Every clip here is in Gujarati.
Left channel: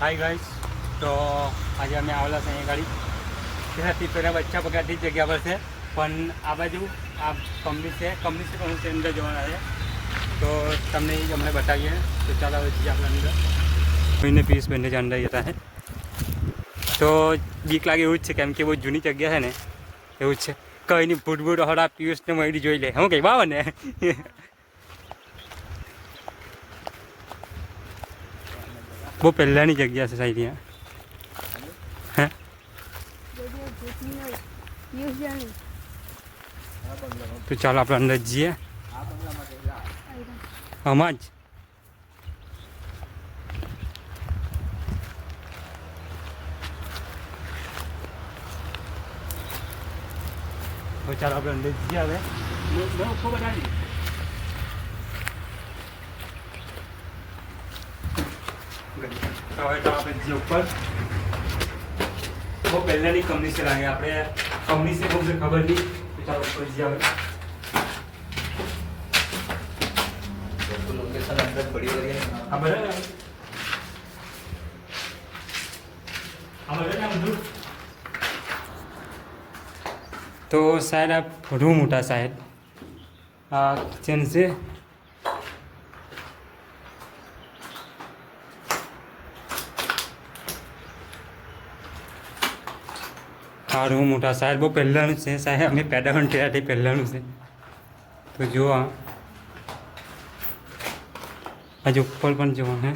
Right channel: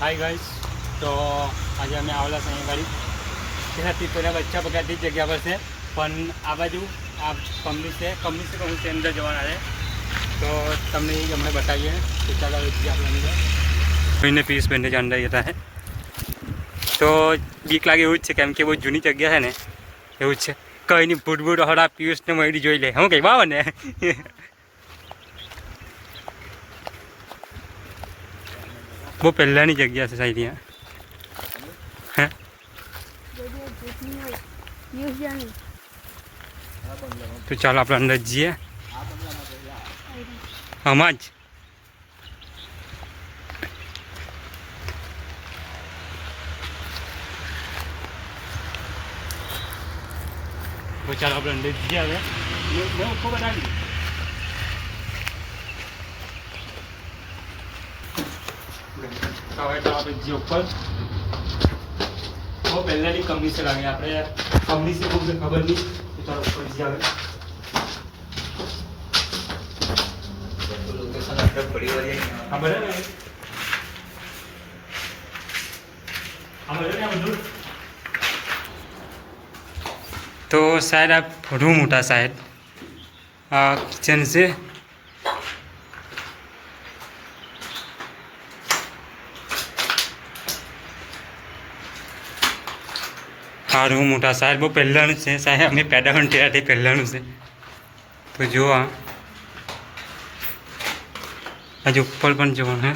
हाय गाइस, तो आज अमे आवेला छे અહીં ગાડી ત્યાંથી પહેલાં બચ્ચા પગારથી જગ્યા પર છે પણ આ બાજુ આ કંપની છે કહું છે અંદર જવાના છે તો તમને હમણાં બતાવીએ તો ચાલો હવે જઈએ આપણે અંદર કોઈને પીસ બંને જ અંદર જતા છે તો બીક લાગે એવું જ છે કેમ કે બહુ જૂની જગ્યા છે ને એવું જ છે કંઈ નહીં ભૂટ હળા પિયુષને મળી જોઈ લે હું કંઈ વાવ ને બહુ પહેલાંની જગ્યા છે સાહેબ હે તો ચાલો આપણે અંદર જઈએ આમાં જ તો ચાલો આપણે અંદર જઈએ હવે મેં ઉપર બનાવી હવે તો આપણે જે ઉપર બહુ પહેલાંની કંપની છે લાગે આપણે કંપની છે બહુ ખબર નહીં તો ચાલો ઉપર જઈએ હવે હા બરાબર તો શાયદ આ ઘણું મોટા શાયદ આ કિચન છે સારું મોટા શાયદ બહુ પહેલાંનું છે શાયદ અમે પેદા પણ ત્યારથી પહેલાંનું છે તો જુઓ આજે ઉપર પણ જુઓ હે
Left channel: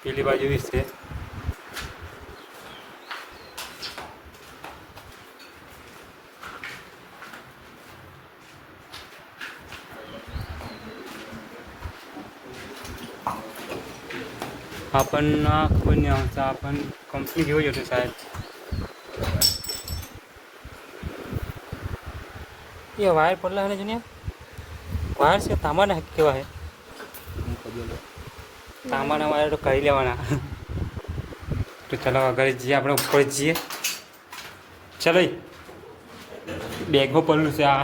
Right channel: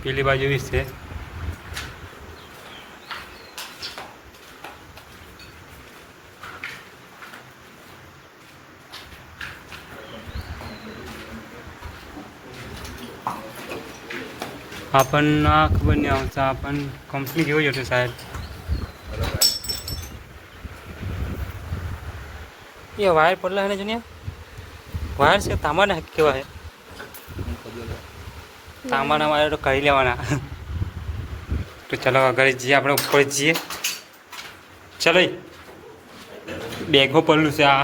પેલી બાજુ બી છે આપણને ખબર નહીં આવશે આપણ કંપની જેવું જ હતું સાહેબ એ વાયર પડલા હે ને જુનિયા વાયર છે તાંબાના કેવા છે તાંબાના વાયર તો કરી લેવાના તો ચાલો આગળ જઈએ આપણે ઉપર જઈએ ચાલો બેગો પડલું છે આ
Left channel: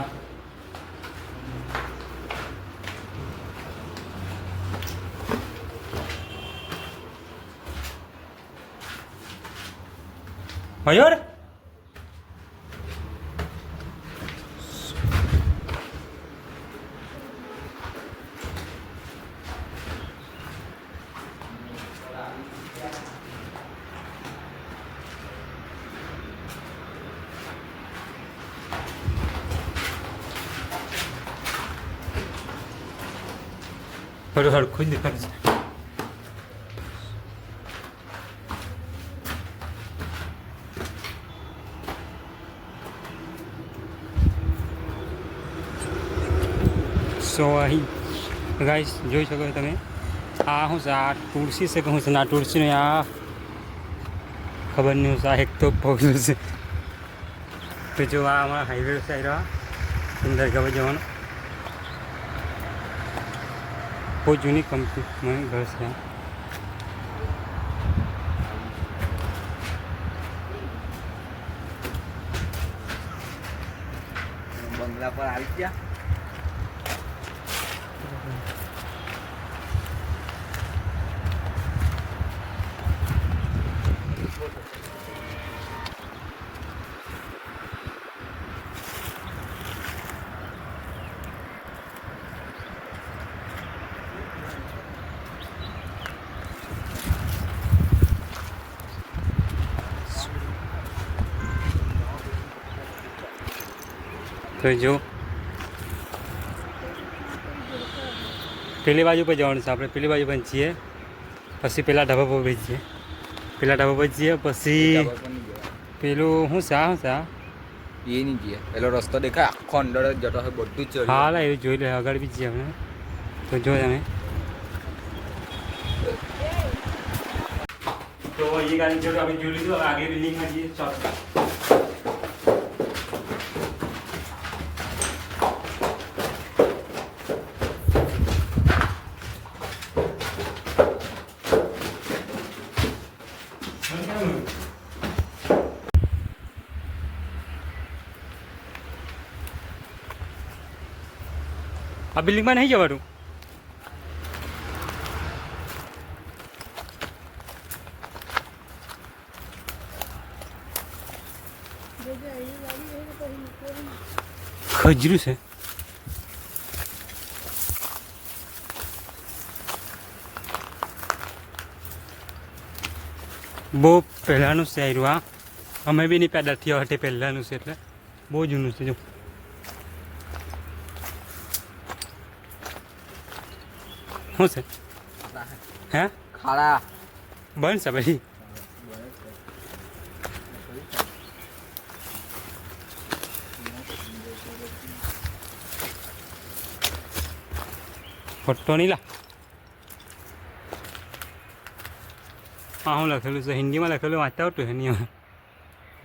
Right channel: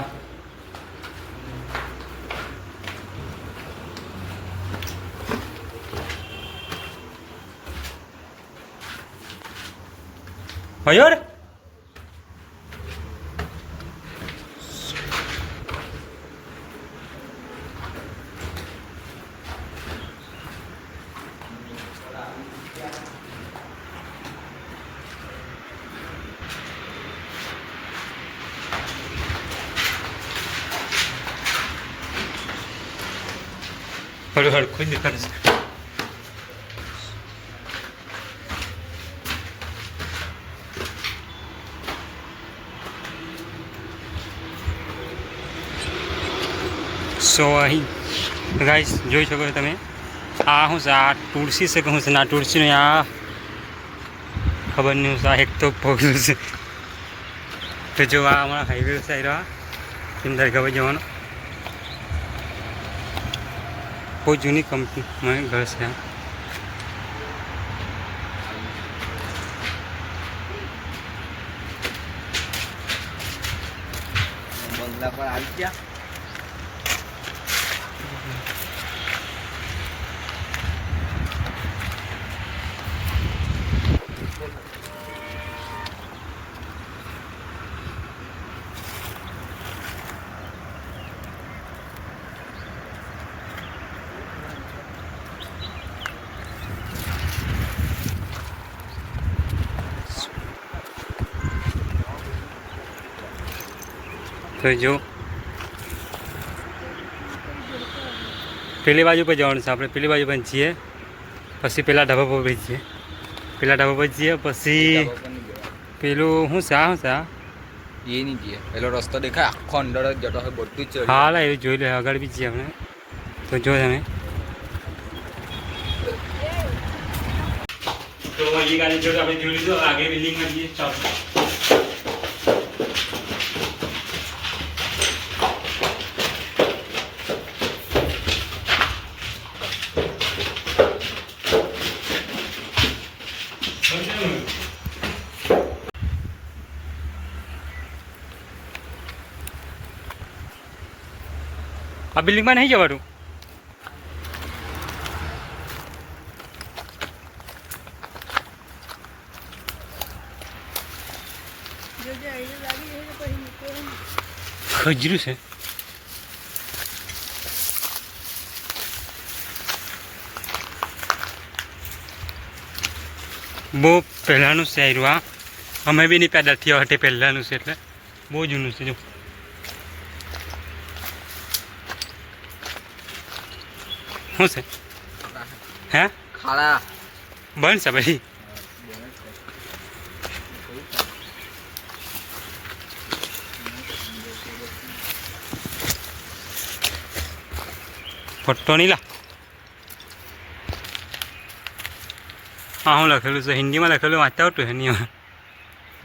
મયુર હળ ખુદ દેખાડે છે સો અહીં ગાઈસ જોઈ શકો છો તમે આ શું છે આ તુલસી છે કે શું છે ને આ તુલસીનું આ ખબર નહીં શું છે આ એક તો પગલું છે તો જો આ અમારા હાઈવે સાઈડ અંદર ગવા જવાનો બહુ જૂની કંપની ઘર છે બંગલા પર આવી ગયા તો જો પેલી બાજુ પર જવાનું છે આપણે પેલી બાજુ પર જઈએ પછી પેલા ઢાબા પર જઈએ પેલા ઢાબા પર જઈએ પછી પેલું શું છે આ શું છે આ એ નહીં જઈએ પેલો રસ્તો દેખાય આખો અંદર જ જતો હોય બધું જ હા લા એવું જોઈ લે આગળ બી જઈએ આપણે તો જો તમે તો એ ગાડી જો આપણે જોઈ લીધું આગળ બિલ્ડિંગમાં જઈએ ચાલો આ બિલ્ડિંગમાં નહીં જવાનું. ખજરું છે. બહુ પહેલાંનું છે આયરું આ. અમે બી નહીં પેદા થયા હટે પહેલાંનું છે એટલે બહુ જૂનું છે. જો શું છે? હે ખાડા બંધ છે ભાઈ. ફોટો નહીં લા. હા હું લખેલું છે હિન્દીમાં લખેલું વાંચતા આવતું હિન્દીમાં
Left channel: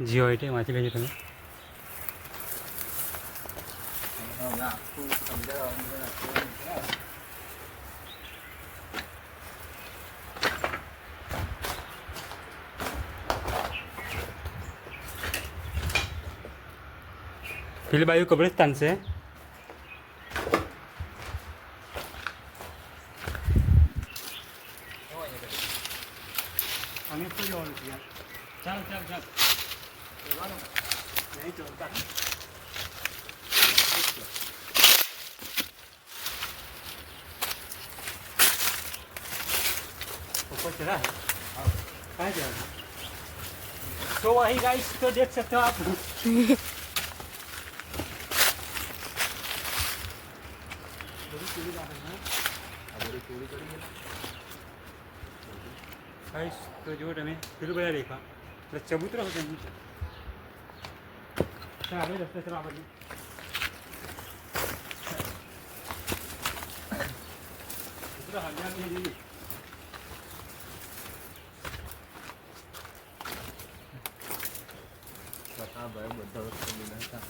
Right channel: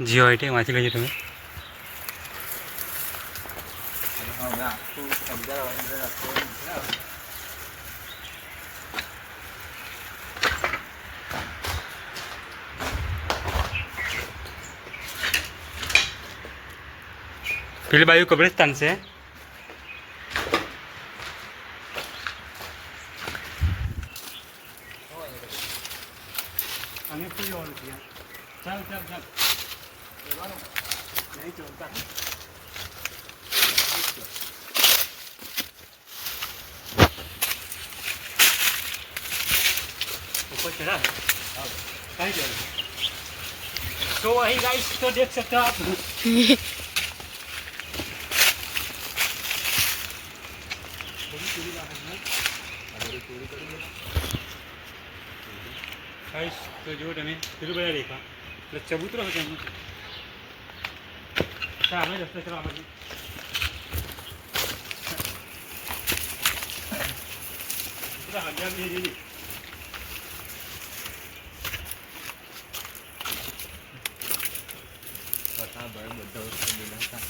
જે હોય તે વાંચી લેજો તમે. પેલી બાજુ કબ્રસ્તાન છે. અને શું જવાનું છે? ચાલ ચાલ ચાલ નહીં ચાલતા. ऊपर चढ़ा है कहाँ जाएगा? तो वही गाइस तो देख सकते हो आप. गाइस तो जो તમે પેલું બધા દેખા એટલે ચબૂતરો છે એનું. ચાલો રસ્તે ચલો આ બાજુ. પૂરા હજાર ની જેવી બધા વસ્તુ લીધા હતા.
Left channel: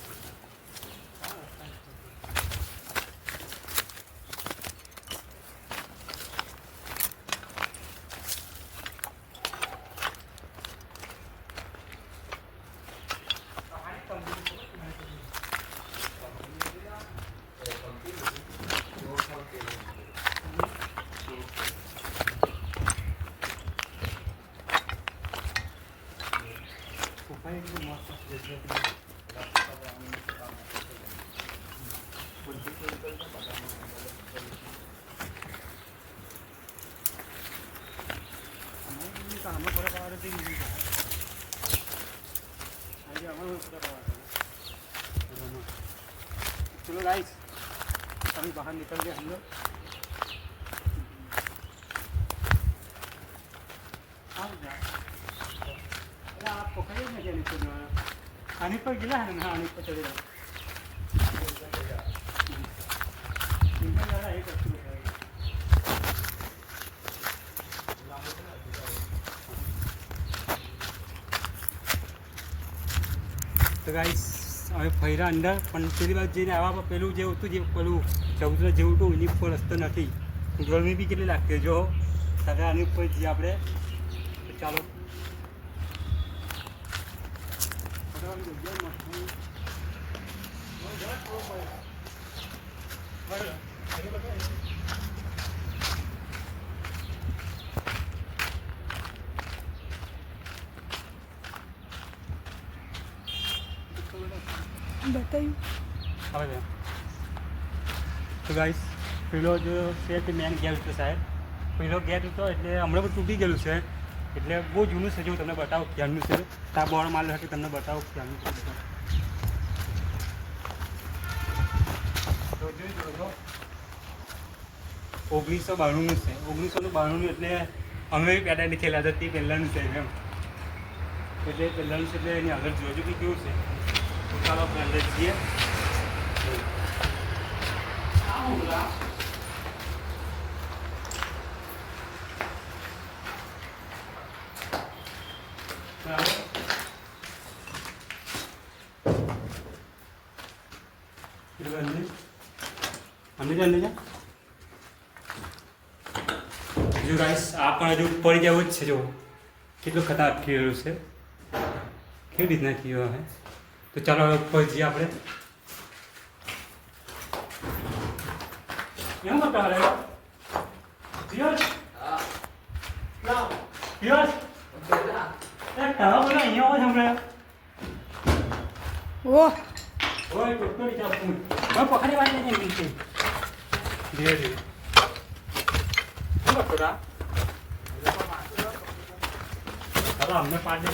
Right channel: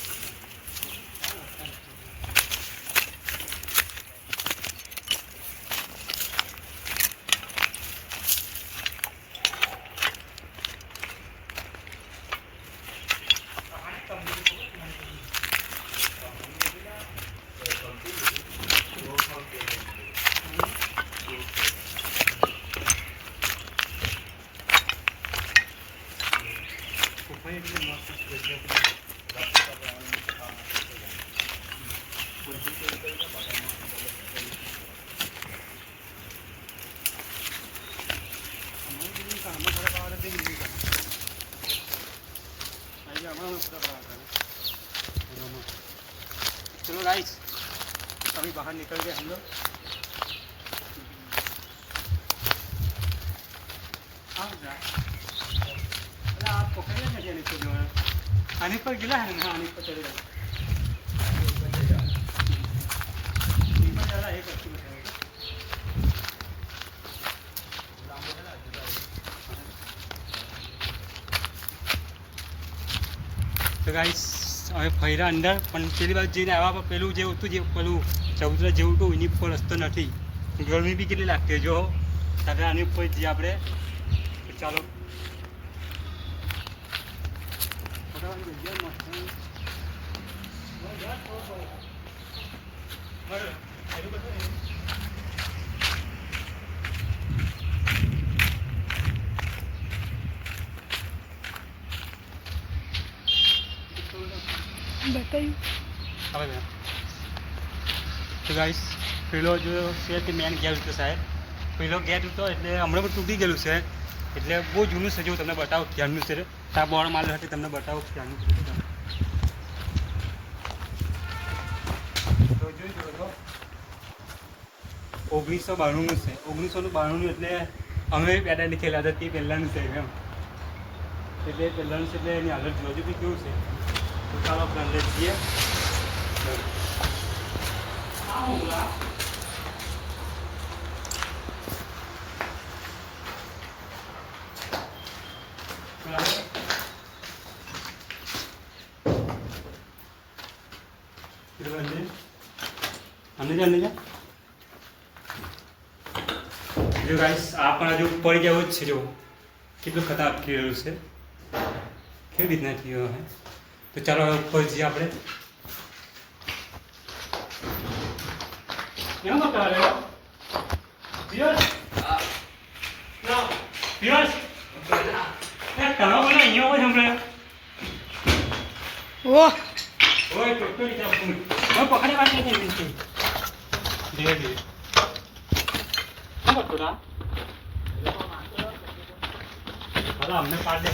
चलो गाइस अभी बाहर निकल गए हम लोग. आप पकड़े में जाने को जो है आने पर गिला है ना. आने पर चले जाओ. ज़्यादा एक अच्छी बताएगा. તો ગાઈસ હવે ફર્યા અંદર પણ પેલી બાજુ જઈને આવ્યા પેલું જે હતું જે પેલું ચૌધરા જેવું હતું એની ઉપર રસ્તો નથી. ગરમી બી કેટલી લાગતી જો હવે આની ઉપર જઈએ આપણે. ચાલો बताइए. હવે તો ગાઈસ પેલો જો છે તે મેન ગેટ હતો સાહેબ. પેલો ગેટ હતો એટલે હમણાં પણ તૂટી ગયેલું છે એટલે બહુ જૂનું છે. જો તમને બતાવો ક્યારનું છે. ત્યાં બોર્ડ મારેલું હતું તમને બતાવો ક્યારનું છે. તો જોઈ જો 1992નું છે. 1992નું એટલે અમે પેદા નહીં થયેલા હતા તે પહેલાંનું છે એમ. એટલે પહેલાંનું છે એટલે એની આગળ જોજો કે કેવું છે. તો ચાલો આપણે અંદર જઈએ. અંદર જા જો ગાઈસ આ પણ હજુ પડી જવું જ છે. જો કેટલું ખતરનાક થયેલું છે. કેવી રીતના થયો હે. તો ચાલો ઉપર જઈએ આપણે. એવું કરતા રહે પિયુષ ના પિયુષ તમે બોલો અહીંયા હોય હમણાં ઓહ ઓય તો જાવ તમે પકડી વાત નહીં ધીરે ધીરે શું કરતો રા હવે અમને પાડ દે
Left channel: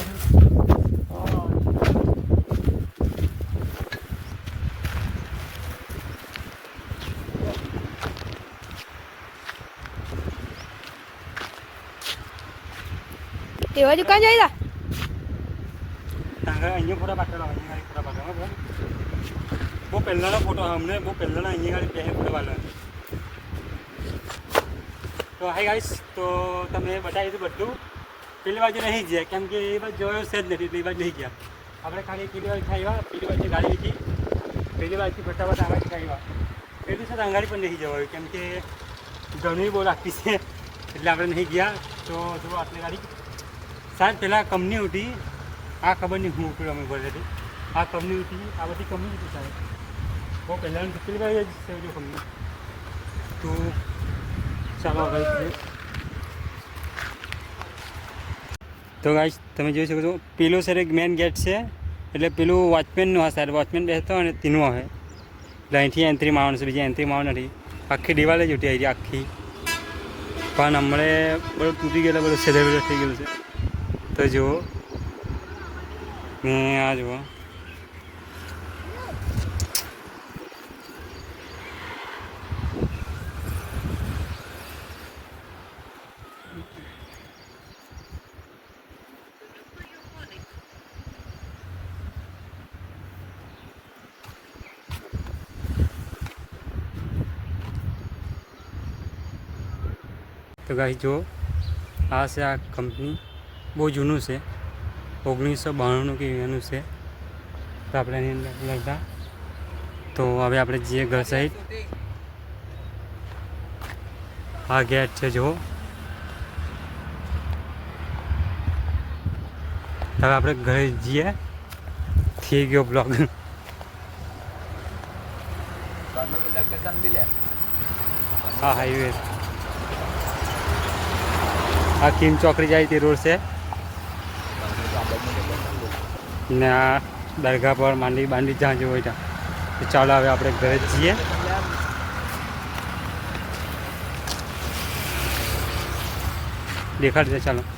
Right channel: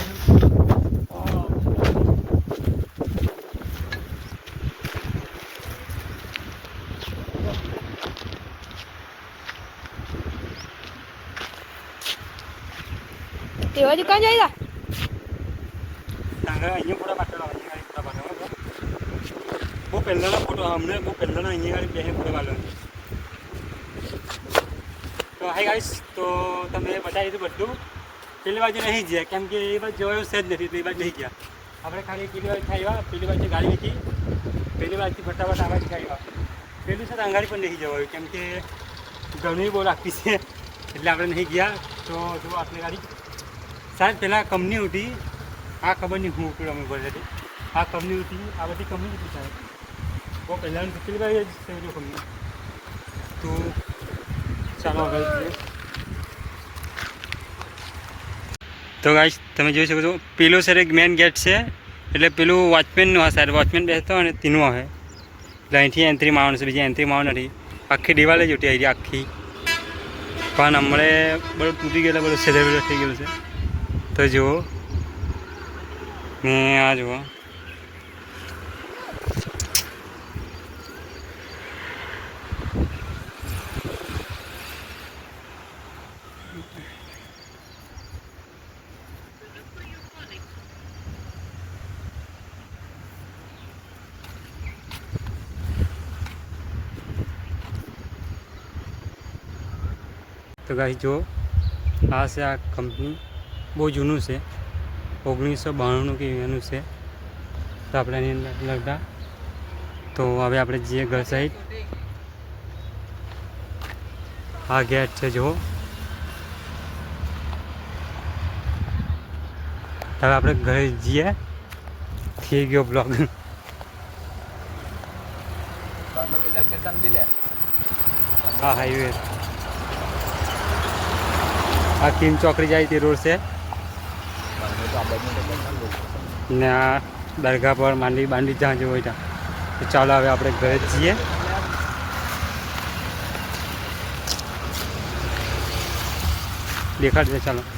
કેવા દુકાન જાય અહીંયા પૂરા પાટલો અહીંયા પૂરા પાટલો બહુ પહેલાંના ફોટો અમને બહુ પહેલાંના અહીંયા ગાડી ક્યાંય પૂરા પાટલો તો હાય ગાઈસ તો તમે બતાવી દીધું બધું પેલી બાજુ નહીં ગયા કેમ કે એ બાજુ જોયો છે જ નથી તો એ બાજુ નહીં ગયા આપણે ખાલી પેલી બાજુ આવ્યા પેલી બાજુ ગાડી હતી પેલી બાજુથી ફોટા બસ આ બાજુ આવ્યા પેલું છે તો અંગાડી પણ નહીં જવાયું કેમ કે ઘણી બહુ લાગતી છે એટલે આપણે નહીં ગયા તો જો આટલી ગાડી સાહેબ પહેલાં કંપની ઉઠી આ ખબર નહીં હું ઉઠ્યું અમે ભરે હતી આ કંપની ઉઠી આ બધી કંપની હતી સાહેબ બહુ પહેલાંની કેટલી બાજુ છે જો કંપની તો ચાલો હવે તો ગાઈસ તમે જોઈ શકો છો પેલું સર એક મેન ગેટ છે એટલે પેલું વોચમેનનું હશે સાહેબ વોચમેન બેસતો હોય ને તેનું હશે એટલે અહીંથી એન્ટ્રી મારવાનું છે બીજી એન્ટ્રી મારવાનું નથી આખી દિવાલ જ ઉઠી આવી આખી પણ હમણે બધું તૂટી ગયેલું બધું છેદેલું થઈ ગયેલું છે તો જુઓ ને આ જુઓ તો ગાઈસ જો આ છે આ કંપની બહુ જૂનું છે 1992 કે એનું છે તો આપણે એની અંદર લગતા તો હવે આપણે જઈએ ઘર સાઈડ આ ગેટ છે જો હવે આપણે ઘરે જઈએ થઈ ગયો બ્લોગ હા હાઈવે આ કિમ ચોકડી જાય તે રોડ છે ને આ દરગાહ પર માંડી જ્યાં જેવું હોય ત્યાં તો ચાલો હવે આપણે ઘરે જઈએ દેખાડશે ચાલો